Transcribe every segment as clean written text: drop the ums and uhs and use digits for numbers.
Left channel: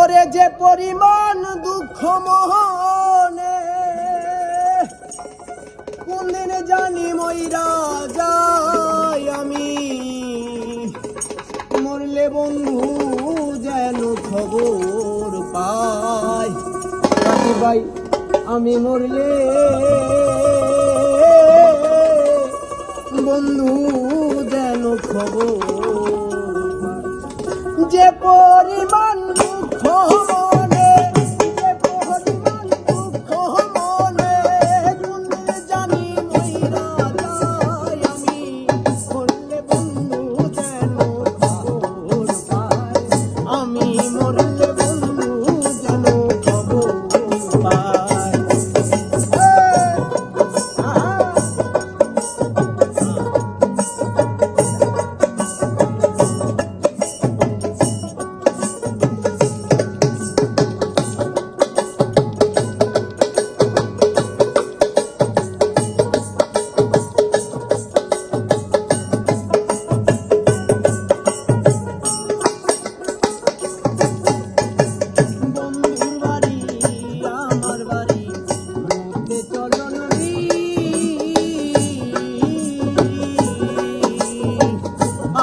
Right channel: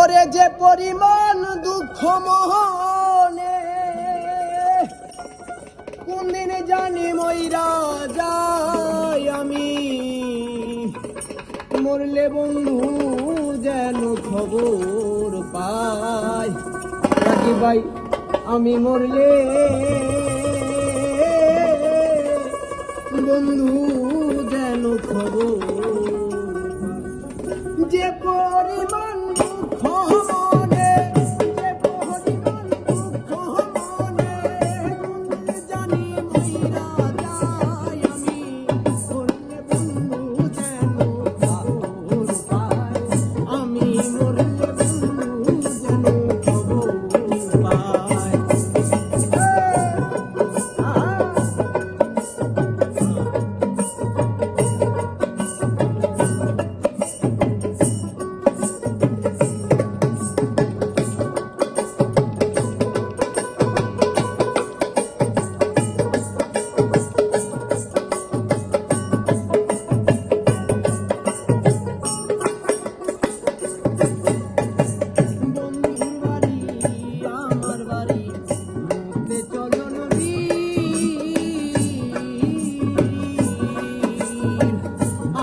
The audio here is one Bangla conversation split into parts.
ওরে যে পরিমাণ দুঃখ মোহনে কোন দিন জানি মইরা যাই আমি, মরলে বন্ধু যেন খবর পাই। রাকিব ভাই আমি মরলে বন্ধু যেন খবর পাই। যে পরিমাণ দুঃখ মনে, যে পরিমাণ দুঃখ মনে কোন দিন জানি মইরা যাই আমি, মরলে বন্ধু যেন খবর পাই। আমি মরলে বন্ধু যেন খবর পাই।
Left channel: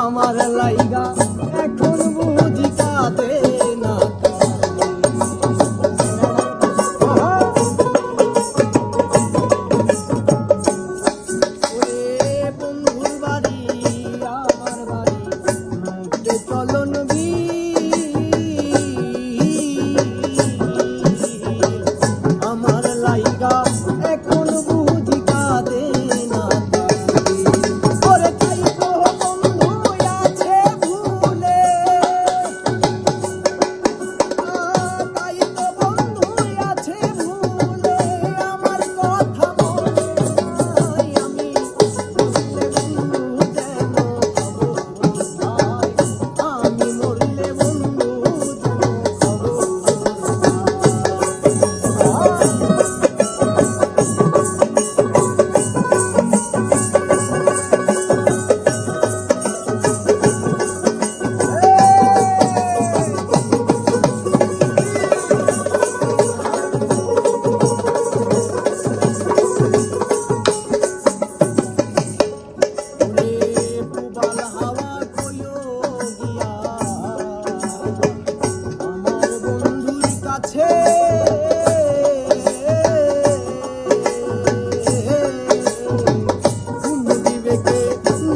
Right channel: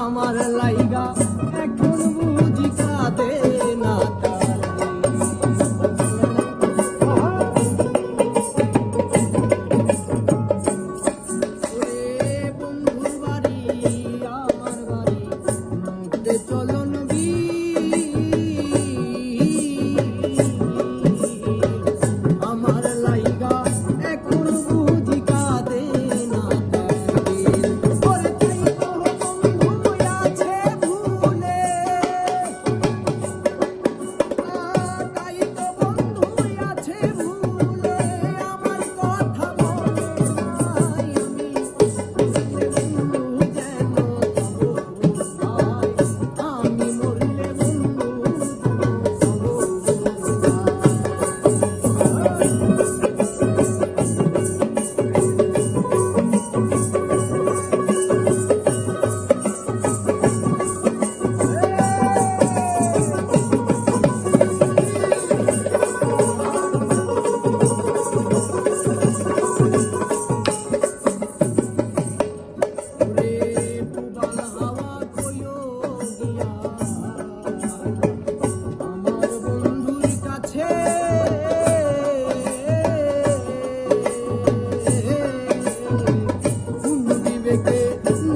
আমার লাইগা এখন বুঝি কাঁদে না বন্ধুর বাড়ি আমার বাড়ি মধ্যে চলন আমার লাইগা এখন বুঝি কাঁদে না।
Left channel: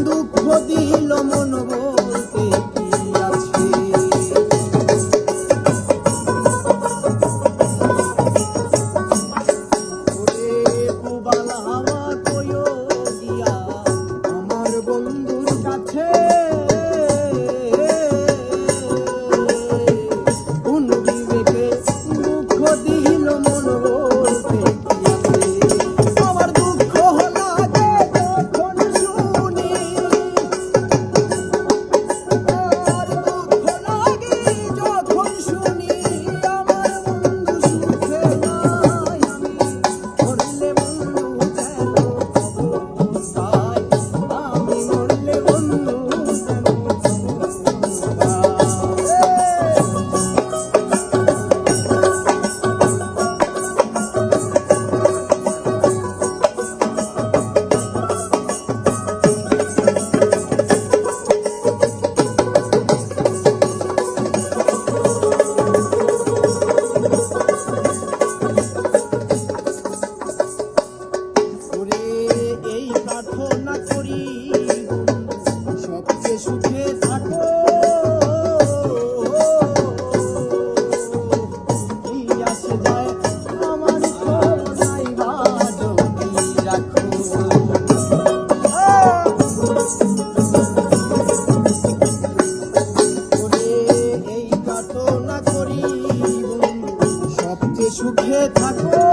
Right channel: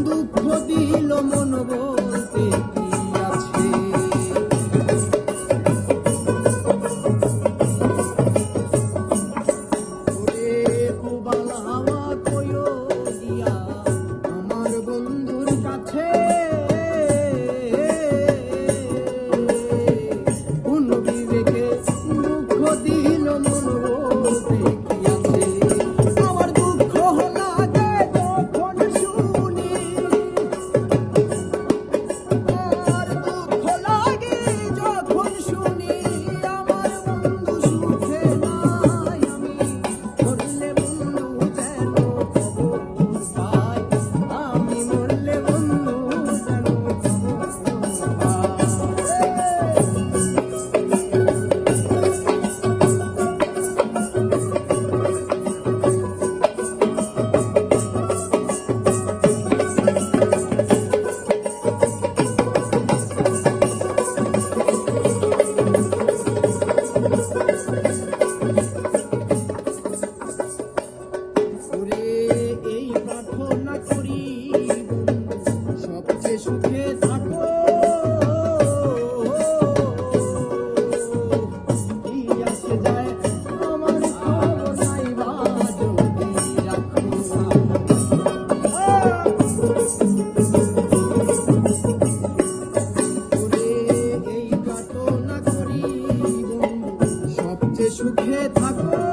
দুঃখ দিল মন বলতে কি আছে, ওরে পুবাল হাওয়া কইও গিয়া আমার বন্ধুর কাছে, কোন বিবেকে দুঃখ দিল মন বলতে কি আছে। আমার দুঃখ লাগে যখন শুনি, আর দুঃখ লাগে যখন শুনি আমার বন্ধু সুখে নাই আমি, মরলে বন্ধু যেন খবর পাই। আমি মরলে বন্ধু যেন খবর পাই। এই প্রার্থনা করি সবচেয়ে সুখে থাকো, কি আসে যায় আমার খবর নাই বা যদি রাখো। এই প্রার্থনা করি বন্ধু সবচেয়ে সুখে থাকো।